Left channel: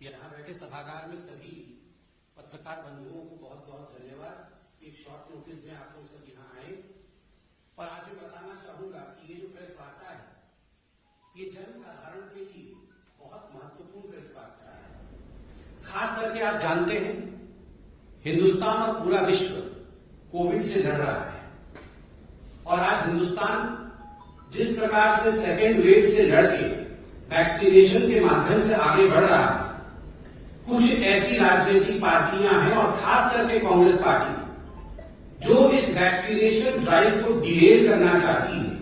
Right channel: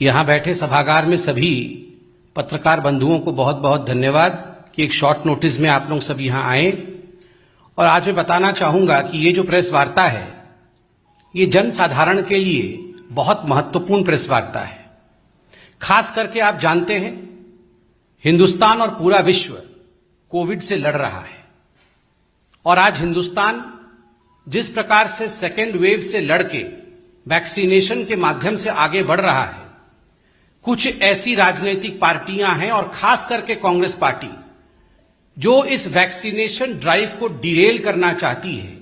यहां बैठे सभागार में सभी पत्रकार बंधुओं को बहुत बहुत धन्यवाद कि एक शॉर्ट नोटिस में आप लोग सब यहां आए। और आज मैं बताना चाहूंगा कि ये जो प्रेस वार्ता है ये जनसाधारण के लिए बहुत महत्वपूर्ण प्रेस वार्ता है। खास करके आप जानते हैं हिंदुस्तान और पूरा विश्व कोविड से लड़ रहा है और आज हिंदुस्तान जिस प्रकार से सेकेंड वेव से लड़के वैक्सीनेशन के माध्यम से आगे बढ़ रहा है, कुछ ऐसी राजनीतिक पार्टियां हैं और खास करके कांग्रेस पार्टी जो इस वैक्सीनेशन ड्राइव को डिरेल करना चाहती है,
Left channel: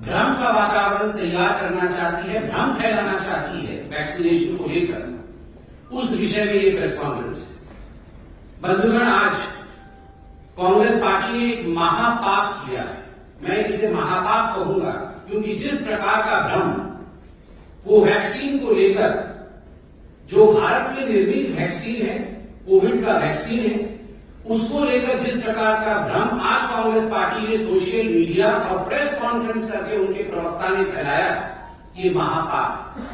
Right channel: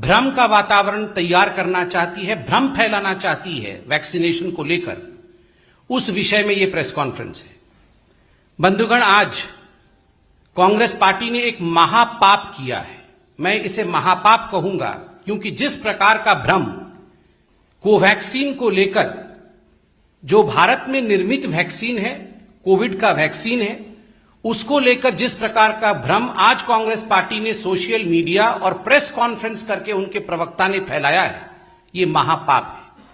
भ्रम का वातावरण तैयार करना चाहती है, भ्रम फैलाना चाहती है वैक्सीनेशन को लेकर, उस विषय में यह प्रेस कॉन्फ्रेंस है। बंधुगण, आज कांग्रेस पार्टी ने एक महापाप किया है। मैं इसे महापाप कहूंगा क्योंकि जिस प्रकार का भ्रम कोवैक्सीन को लेकर, जो भारत में निर्मित वैक्सीन है, कोविड का वैक्सीन है, उसको लेकर जिस प्रकार का भ्रम आज कांग्रेस पार्टी ने सोशल मीडिया और प्रेस कॉन्फ्रेंस करके उनके प्रवक्ता ने फैलाया है, ये महापाप है।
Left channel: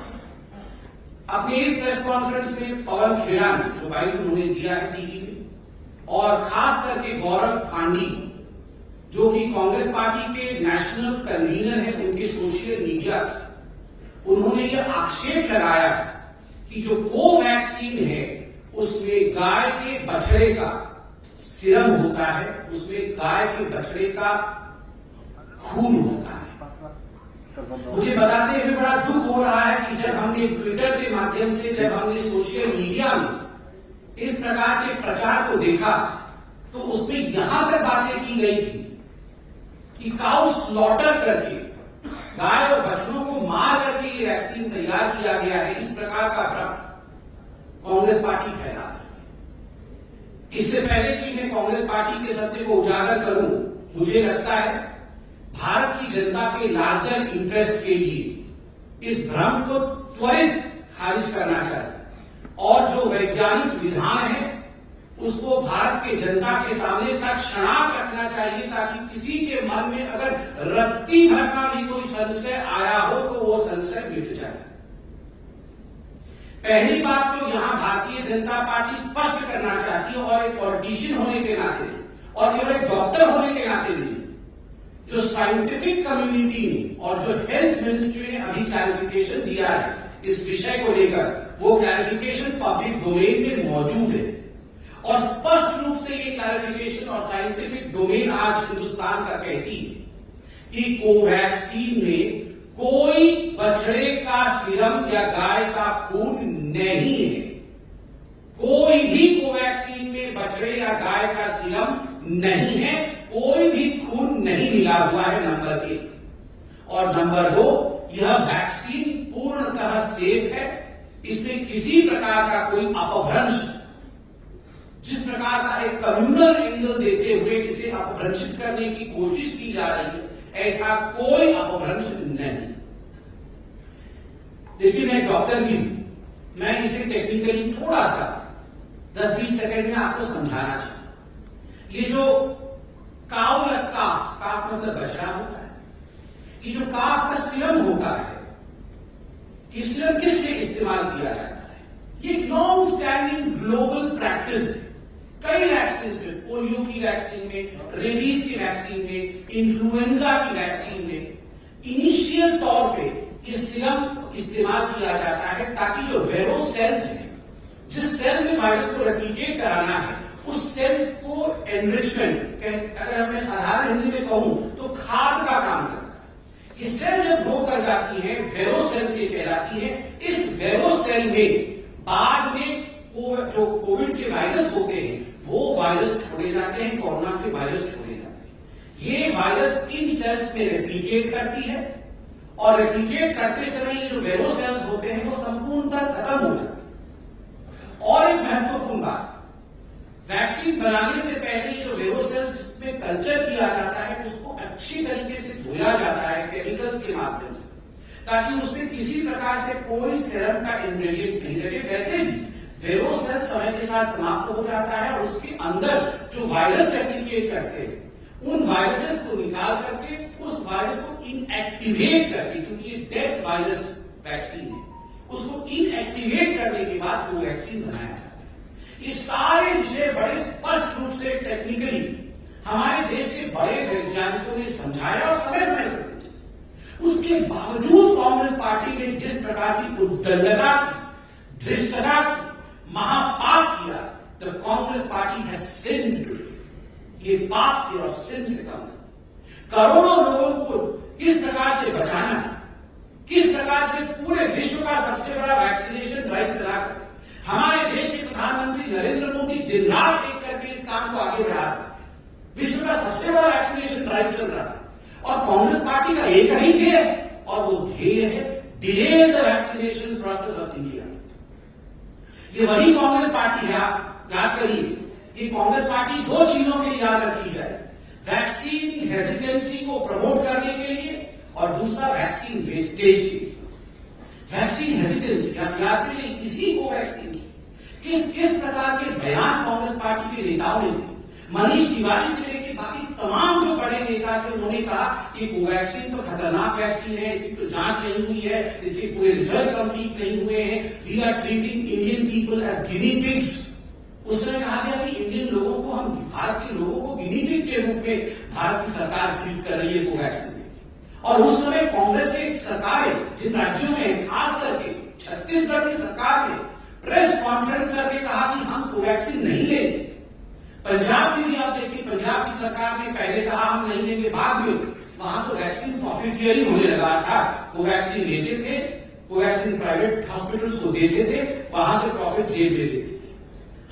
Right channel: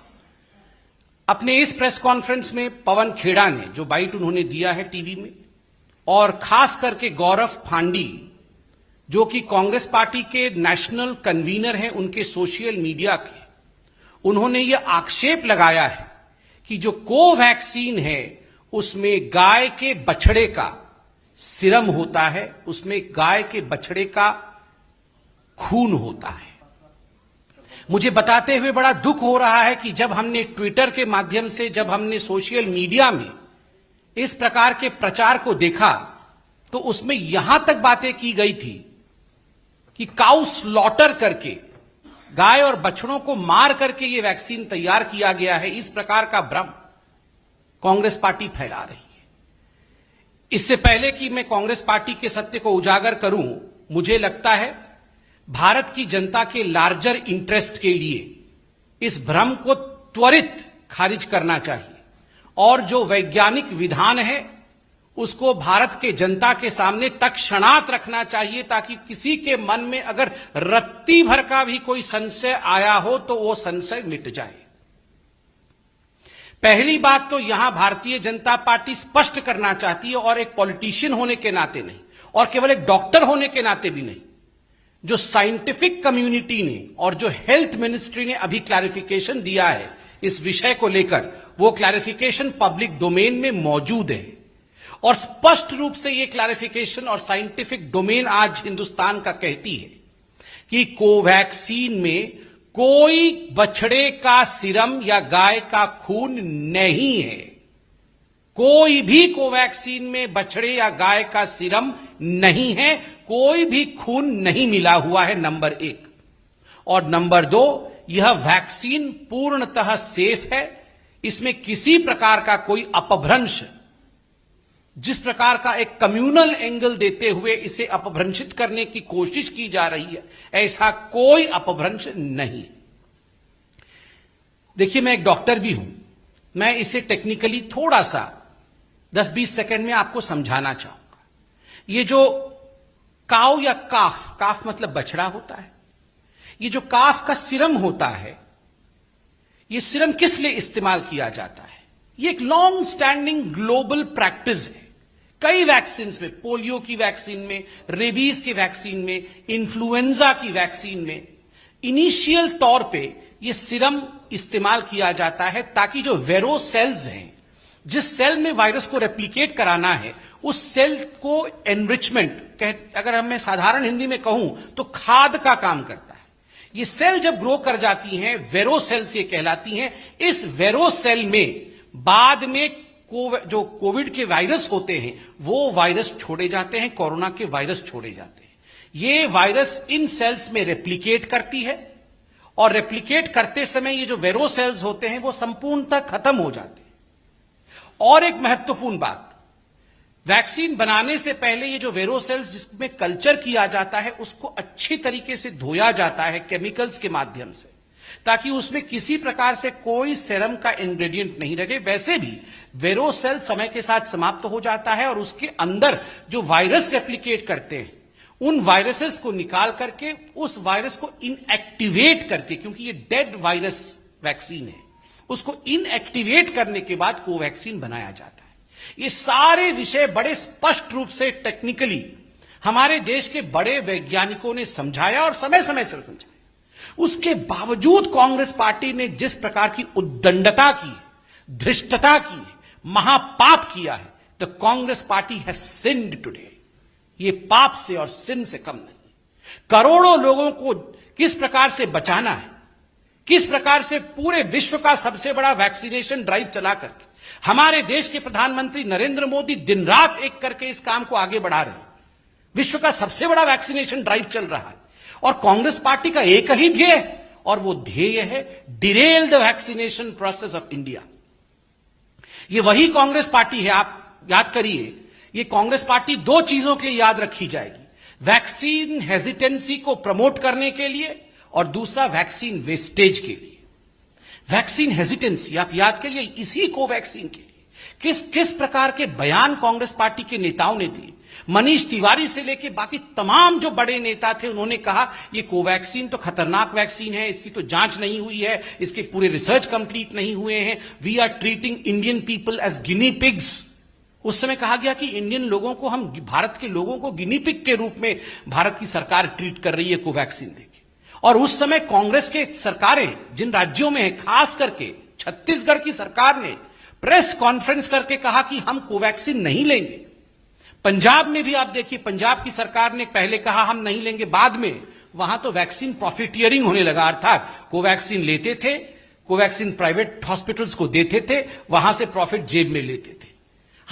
अपने इस प्रेस कॉन्फ्रेंस में पवन खेड़ा ने जो बाइट उन्होंने दिया है टीवी में, और खास करके गौरव फांडी जो कि कांग्रेस पार्टी के नेशनल कन्वीनर हैं उनके सोशल मीडिया के, उन्होंने यह आक्षेप लगाया है कि जो कोवैक्सीन है उसमें गाय के बछड़े का सीरम होता है, उसमें गाय के बछड़े का खून होता है। मुझे बताते हुए बड़ा दुख हो रहा है कि जब हमने ट्विटर के माध्यम से, जब हमने सोशल मीडिया में इस प्रकार के प्रचार को देखा तो उसमें यहां तक बातें की गई थी कि काउ स्लॉटर करके, गाय और बछड़ों को मार करके ये वैक्सीन तैयार किया गया है। इस प्रकार का भ्रम कांग्रेस पार्टी फैला रही है। इससे पहले कि मैं कांग्रेस पार्टी के सत्य को उजागर करूं, मुझे लगता है भारत की जनता के लार्जर इंटरेस्ट के लिए इस भ्रम को त्वरित खारिज करना चाहिए और जो वैज्ञानिक विधान है उसको भारत के जनता के सामने तत्क्षणात रखना चाहिए ताकि किसी के मन में अगर रत्ती भर का भी कोई संशय आया हो तो वो संशय मिट जाए। पहली बात तो यहां भारतीय जनता पार्टी स्पष्ट करना चाहती है, और एक पॉलिटिशियन होने के नाते नहीं और केवल एक डॉक्टर होने के नाते भी नहीं, जो साइंटिफिक कम्युनिटी ने और जो हेल्थ मिनिस्ट्री ने अभी क्लैरिफिकेशन दिया है इस विषय को लेकर, वो क्लैरिफिकेशन पब्लिक डोमेन में मौजूद है और स्पष्ट रूप से ये क्लैरिफिकेशन और साइंटिफिक डोमेन आज हिंदुस्तान का कहती है कि कोवैक्सीन में कोई बछड़े का सीरम या गाय का खून नहीं है। कोई भी कोवैक्सीन में बछड़े या गाय का सीरम नहीं है, कोई भी खून नहीं मिला हुआ है, नंबर 1। और नंबर 2, यह वैक्सीन पूर्णतः सेफ है। इसमें किसी प्रकार का कोई अपभ्रंश, जिस प्रकार का एक कम्युनल एंगल देते हुए इसे अपभ्रंशित करने की कोशिश की जा रही है, ऐसा कोई अपभ्रंश नहीं। देखिए, मैं एक डॉक्टर भी हूं, मैं इसे टेक्निकली थोड़ा सा 10-20 सेकंड में आपको समझाना चाहूंगा। ये जो काव या काफ मतलब बछड़ा होता है, ये जो काफ का सीरम होता है, ये सीरम किस लिए इस्तेमाल किया जाता है? ये एक लॉन्ग स्टैंडिंग ग्लोबल प्रैक्टिस है। कई वैक्सीन में, पोलियो की वैक्सीन में, रेबीज की वैक्सीन में, इन्फ्लुएंजा की वैक्सीन में, इनिशियल तौर पे ये सीरम इस्तेमाल किया जाता है ताकि जो वेरो सेल्स हैं, जिस सेल में वायरस को रेप्लिकेट कराना है, उस सेल को एनरिचमेंट, अगर मैं साधारण हिंदी में कहूं तो खाद का काम करता है। ये सेल जब ग्रो कर जाती हैं, वेरो सेल्स ये कहलाती हैं। इस वेरो सेल में बाद में जो कोविड के वायरस होते हैं वो वायरस छोड़े जाते हैं, कोरोना के वायरस छोड़े जाते हैं। ये वायरस इन सेल्स में रेप्लिकेट करती है और रेप्लिकेट करते समय ये जो वेरो सेल्स होते हैं वो संपूर्णतः खत्म हो जाते हैं। और एक महत्वपूर्ण बात, वैक्सीन बनाने से पहले ये जो वेरो सेल्स जिसमें कल्चर किया जाता है उसको अच्छी तरीके से धोया जाता है केमिकल्स के माध्यम से, ताकि उसमें किसी प्रकार से कोई सेरम का इंग्रेडिएंट नहीं रहे। वैसे भी वेरो सेल समय के साथ समाप्त हो जाता है और उसके अंदर जो वायरस रेप्लिकेट करते हैं उन वायरसेस को निकाल करके उस वायरस को इनएक्टिवेट करके, क्योंकि ये डेड वायरस वैक्सीन है उसको इनएक्टिवेट करने के बाद कोवैक्सीन बनाया जाता है। ये सारे विषय बड़े स्पष्ट रूप से टेक्निकली हमारे देश के बड़े वैज्ञानिकों ने समझाया और समय समय से समझाया। उसके बावजूद कांग्रेस पार्टी ने जिस प्रकार की उद्दंडता की, धृष्टता की, महापाप किया है, the Congress party has sinned today. ये पाप से और सिन से कम नहीं। करोड़ों लोगों को किस प्रकार से बचाना है, किस प्रकार से पूरे विश्व का सबसे बड़ा वैक्सीनेशन ड्राइव चला करके हमारे देश के प्रधानमंत्री नरेंद्र मोदी दिन रात एक करके इस काम को आगे बढ़ा रहे हैं। विश्व का सबसे बड़ा वैक्सीनेशन ड्राइव चल रहा है और कांग्रेस पार्टी का एक ही ध्येय और वो ध्येय है Daryl the vaccination process of India. ये वही कांग्रेस पार्टी है, आप याद करिए, ये कांग्रेस पार्टी दो चीजों के याद रखी जाएगी, वैक्सीन हेजिटेंसी को प्रमोट करने के लिए और दूसरा वैक्सीन वेस्टेज के लिए। वैक्सीन हेजिटेंसी आप याद करिए, इसी कोवैक्सीन के लिए किस प्रकार के बयान कांग्रेस पार्टी के नेताओं ने दिए। मनीष तिवारी से लेकर बाकी तमाम जो बड़े नेता थे उन्होंने कहा ये कोवैक्सीन तो खतरनाक वैक्सीन है, इसकी तो जांच नहीं हुई है, इसके पूरे रिसर्च कंप्लीट नहीं हुए हैं, we are treating Indian people as guinea pigs. उस समय कहा गया कि इंडियन लोगों को, हम भारत के लोगों को गिनी पिग के रूप में भारत की सरकार ट्रीट कर रही है कोवैक्सीन देके। और उस समय कांग्रेस के सरकारें जिन राज्यों में है, खास करके छत्तीसगढ़ की सरकार ने प्रेस कॉन्फ्रेंस करके कहा कि हम कोवैक्सीन नहीं लेंगे। पंजाब में भी आप देखिए, पंजाब की सरकार ने पहले कहा हम नहीं लेंगे, बाद में वहां तो वैक्सीन प्रॉफिटियरिंग होने लगा, अर्थात कोवैक्सीन लेते थे, कोवैक्सीन प्राइवेट हॉस्पिटल्स को देते थे, वहां से प्रॉफिट जेब में लेते थे।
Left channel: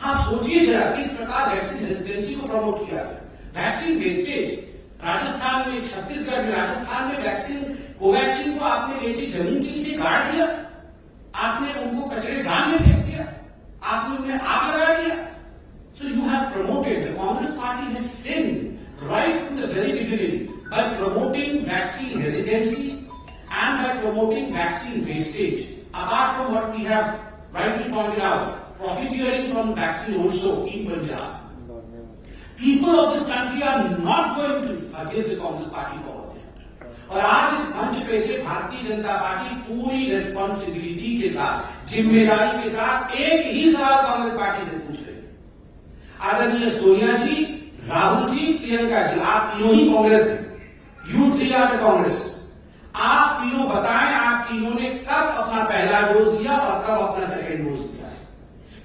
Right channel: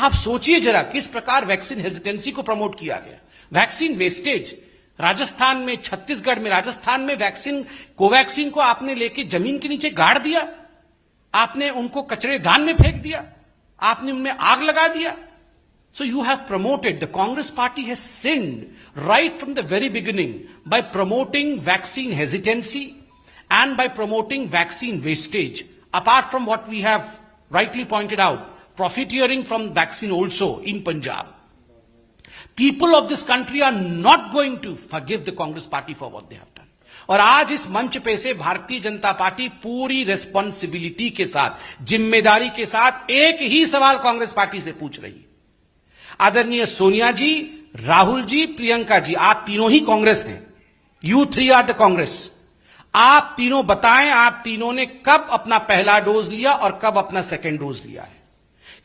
आप सोचिए जरा किस प्रकार वैक्सीन हेजिटेंसी को प्रमोट किया गया। वैक्सीन वेस्टेज, राजस्थान में, छत्तीसगढ़ में, राजस्थान में वैक्सीन, कोवैक्सीन को आपने लेके जमीन के नीचे गाड़ दिया, आपने उनको कचरेदान में फेंक दिया, आपने उनमें आग लगा दिया। So you have promoted, the Congress party has sinned right from the very beginning by promoting vaccine hesitancy and by promoting vaccine wastage. Apart from what we have rightly pointed out, profiteering from vaccine also in Punjab. People of this country are not going to forgive the Congress party for what they have done. और आज इस मंच पे से Bharatiya Janata party पूरी responsibility के साथ, जिम्मेदारी के साथ एक ही सवाल कांग्रेस पार्टी से पूछ रही है। आदरणीय सोनिया जी, राहुल जी, प्रियंका जी, आप तीनों ही कांग्रेस ने, you three are the Congress. आप तीनों बताएं, आप तीनों ने कब अपना पहला डोज लिया और कब अपना सेकेंड डोज लिया है?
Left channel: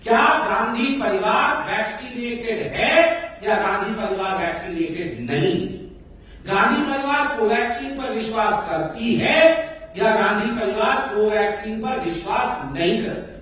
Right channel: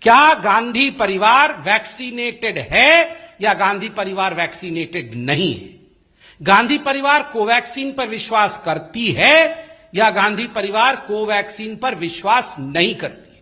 क्या गांधी परिवार वैक्सीनेटेड है या गांधी परिवार वैक्सीनेटेड नहीं है? गांधी परिवार कोवैक्सीन पर विश्वास करती है या गांधी परिवार कोवैक्सीन पर विश्वास नहीं करती?